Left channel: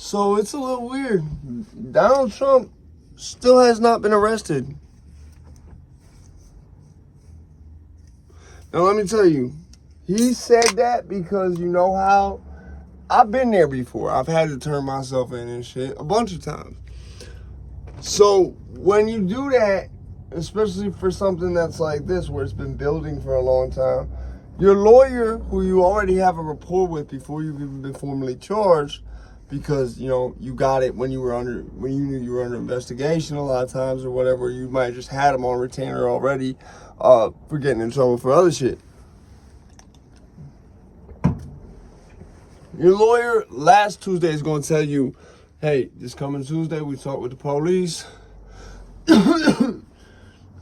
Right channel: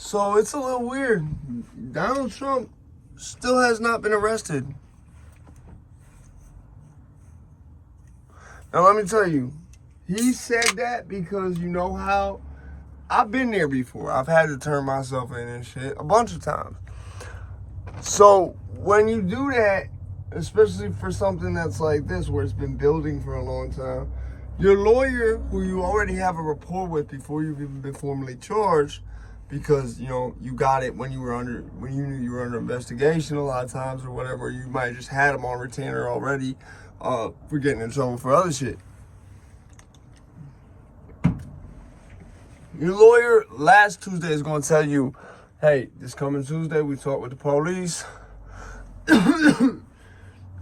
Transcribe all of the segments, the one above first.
So it's a little weird. Donald Trump still has not been arrested. Now let me tell you, he said that because you know how I've been there before. I've had to turn myself in and shit a bunch of times. So when you do that, especially for something that's like this, where it's been building for a long time, your lawyer, who you already have a rapport with before you've even been formally charged, because you know you got it when you knew you were under investigation a lot of times or whatever, you might have just had him on retainer already for getting in trouble for other shit. Your lawyer last Tuesday is going to tell you, hey, this coming Tuesday we talk with the police. We're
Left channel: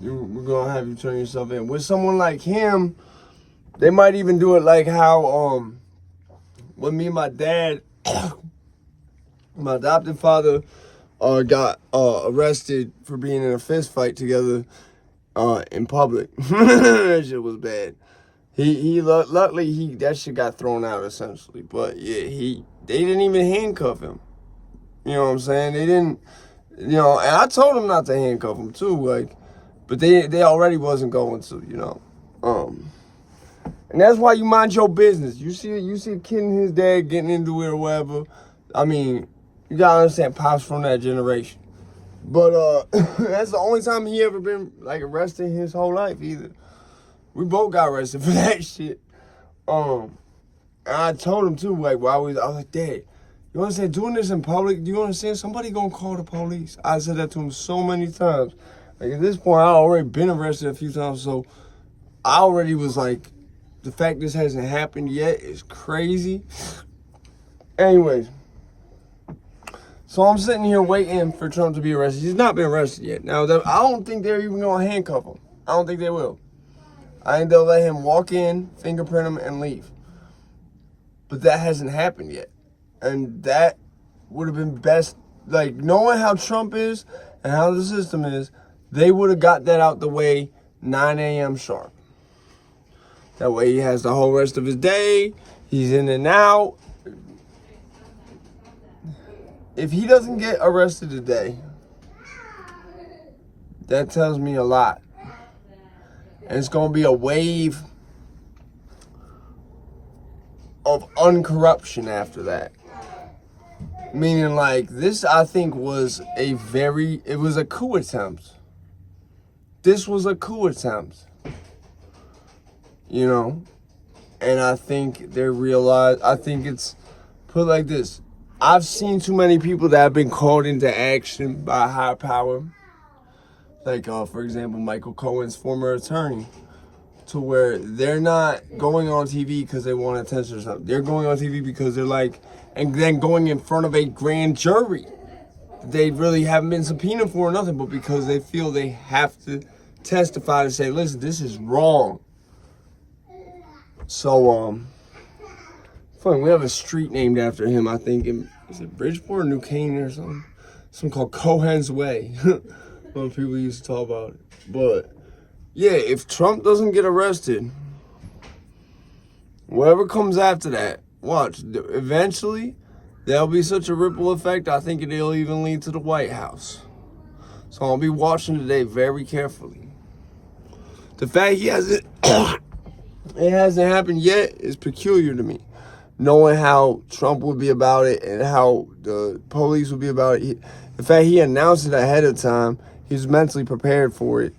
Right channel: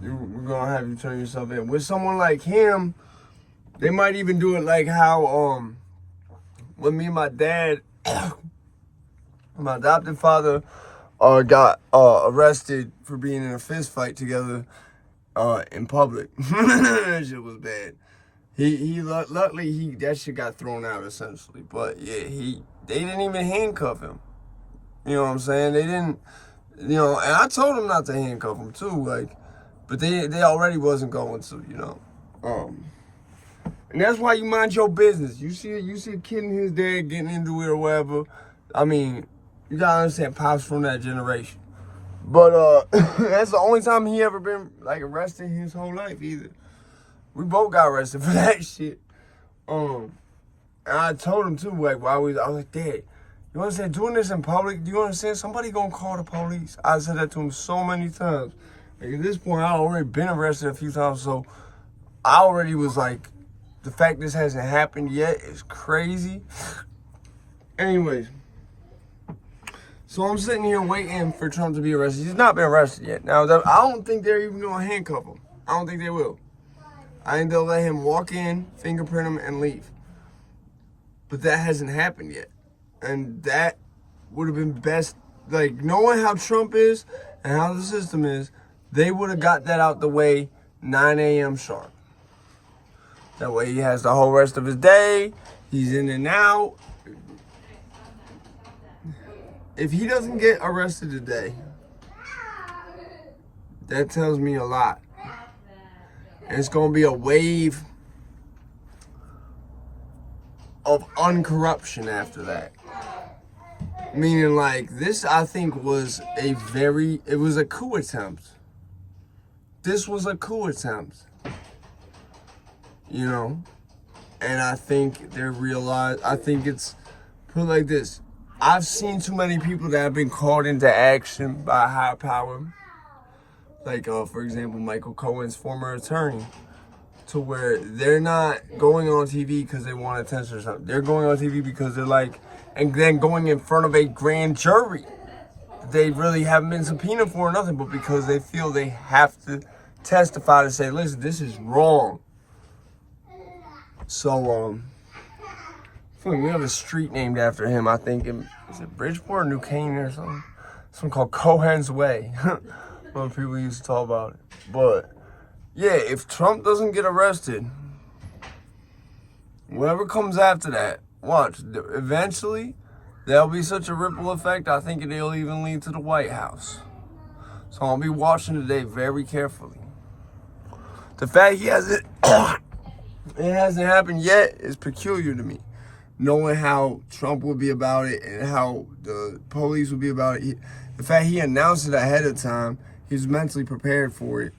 going to have you turn yourself in. With someone like him, they might even do it like how when me and my dad, my adopted father, got arrested for being in a fist fight together in public. That shit was bad. Luckily that shit got thrown out essentially. But yeah, they didn't even handcuff him. You know what I'm saying? They didn't, and I told him not to handcuff him too, like, but they already wasn't going to, and that's why you mind your business. You see a kid and his dad getting into it or whatever. I mean, you gotta understand, Pop's from that generation. But that's the only time he ever been like arrested his whole life either. We both got arrested for that shit. And I told him too, like, I was like, Dad, you understand, doing this in public, do you understand? Somebody gonna call the police. I said that to him so many times. Like, at this point, I already been arrested a few times, so I already was like, the fact this hasn't happened yet is crazy. Anyways, so I'm sitting here waiting for Trump to be arrested. He's not been arrested yet. Now, I don't think they're even gonna handcuff him. I don't think they will. I think they'll let him walk in, fingerprint him, and leave. But that hasn't happened yet. And that would have been best. Like, knowing how Trump is and how the system is, they would have got that out the way 9 a.m. sharp. That way he has the whole rest of his day. He's in and out. If he doesn't get arrested today, that tells me a lot. And it's going to be a wave of uncorruption after that. Meaning, like, this, I think, was it was a coup attempt. This was a coup attempt. And I think I think it's put like this. I've seen too many people that have been called into action by high power. Like, for example, Michael Cohen's former attorney, to where they're not going on TV because they want attention or something. They're going on TV because they're like, and then going in front of a grand jury that they really haven't been subpoenaed for or nothing, but because they feel they have to testify to say, listen, this is wrong. So, funny, we have a street named after him, I think, is it Bridgeport or New Canaan or something? Something called Cohen's Way. When people used to talk about it. But yeah, if Trump doesn't get arrested, whatever comes after that, watch, eventually there'll be such a ripple effect, I think it'll even lead to the White House. So I'll be watching today very carefully. The fact it hasn't happened yet is peculiar to me. Knowing how Trump would be about it and how the police would be about it. The fact he announced it ahead of time, he's mentally prepared for it.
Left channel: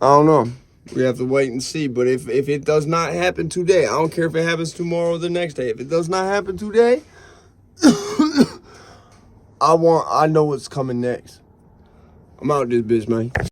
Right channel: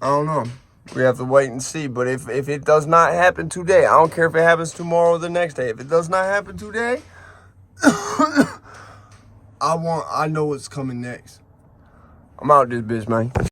I don't know. We have to wait and see. But if it does not happen today, I don't care if it happens tomorrow or the next day. If it does not happen today, I know what's coming next. I'm out this bitch, man.